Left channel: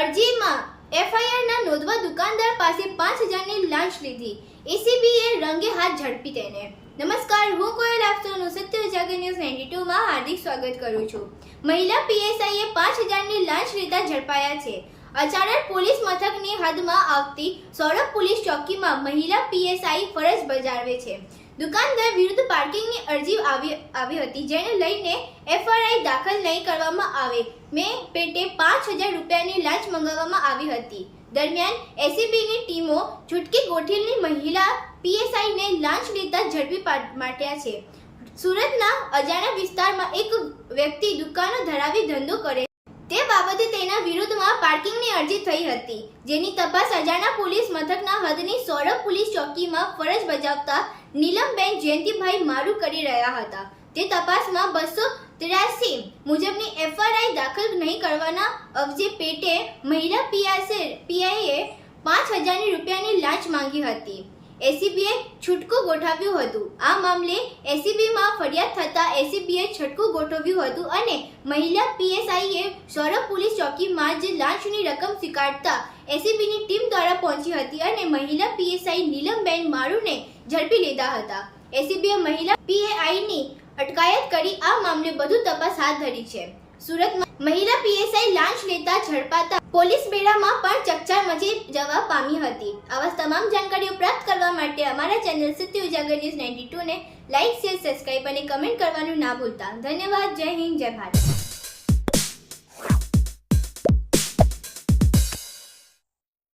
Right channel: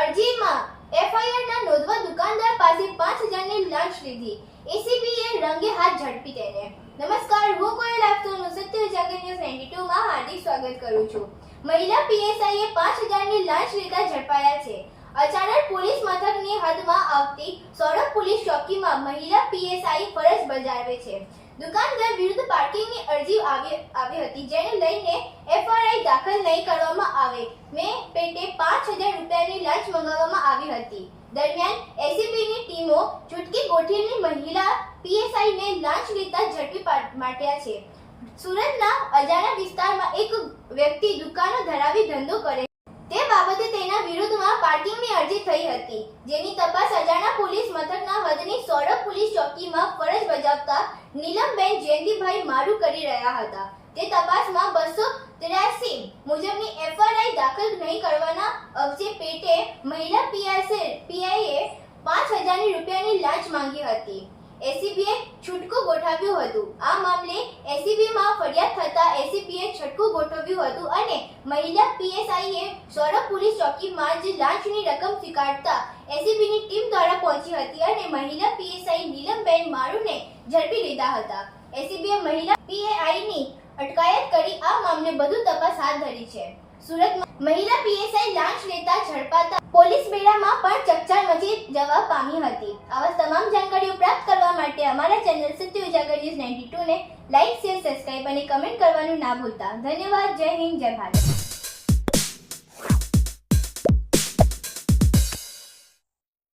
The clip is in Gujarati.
અરજીમાં એફઆઈઆરના નોંધવા દુકાનદાર પાસે પાંચ હજારની લાંચ લીધી. એસીબીએ રંગે હાથ ઝડપી તેને. નમસ્કાર, હું કોઈ આપસોનું સત્ય ઉજાગર ન્યૂઝ નાઇન્ટી ટુમાં હાર્દિક સ્વાગત કરું છું. મહિલા પીએસઆઈએ પાંચ હજારની લાંચ લીધા ઝડપાયા છે. અચાનક પોલીસ મથકની હદમાં આવતી સોરભ પોલીસ ચોકીમાં મહિલા પીએસઆઈ ફરજ બજાવે છે. દુકાનદાર વિરુદ્ધ પાર્કિંગની અરજી આવી આવી હતી, જેને લઈને એફઆરઆઈ દાખલ નહીં કરવામાં આવે. મેં રૂપિયાની લાંચ મંગાવવામાં આવી હતી. દરમિયાન એસીબીની ટીમો છૂટકી ગોઠીલની મહિલા પીએસઆઈને લાંચ લેતા ઝડપી માટ્યા છે. સુરતના અજાણા વિસ્તારમાં એક વ્યક્તિ દુકાનો ધરાવી ધંધો કરે તે બાબતે તેના વિરુદ્ધમાં પાર્કિંગની અરજી થઈ હતી, જેની તપાસ અજાણા પોલીસ મથકના હદની સૌરભ પોલીસ ચોકીમાં ફરજ બજાવતા નીલમબેન જયંતિભાઈ મારું કરી રહ્યા હતા. તે તપાસમાં બસો ત્ર્યાસી મુજબની એફઆરઆઈ દાખલ નહીં કરવાના અવજે પેટે મહિલા પીઆઈએ પીઆઈએ પાંચ હજારની રૂપિયાની લાંચ માંગી હતી. એસીબીએ છૂટકું ગોઠવ્યું હતું. આ મામલે એસીબીમાં ફરિયાદ થતાં એસીબીએ છટકું ગોઠવ્યું હતું અને મહિલા પીએસઆઈએ સૌરભ પોલીસ ચોકીમાં જ લાંચની રકમ સ્વીકારતા એસીબીની ટીમ દ્વારા પહોંચી હતી અને મહિલા પીએસઆઈ નીલમબેન મારુને ઝડપી લીધા હતા. એસીબીએ મહિલા પીએઆઈની અટકાયત કરી આ મામલે વધુ તપાસ હાથ ધરી છે સુરતમાં મહિલા પીએસઆઈ લાંચ લેતા ઝડપાતા પોલીસ બેડામાં પણ ચકચાર મચી જવા પામી હતી. આવા તમામ જાણકારીઓ પ્રાપ્ત કરવા માટે અમારા ચેનલ સત્ય ઉજાગર ન્યૂઝ 92 ને લાઇક, શેર, સબસ્ક્રાઇબ અને કમેન્ટ કરવાનું ના ભૂલતા. ધન્યવાદ. જય હિન્દ, જય ભારત.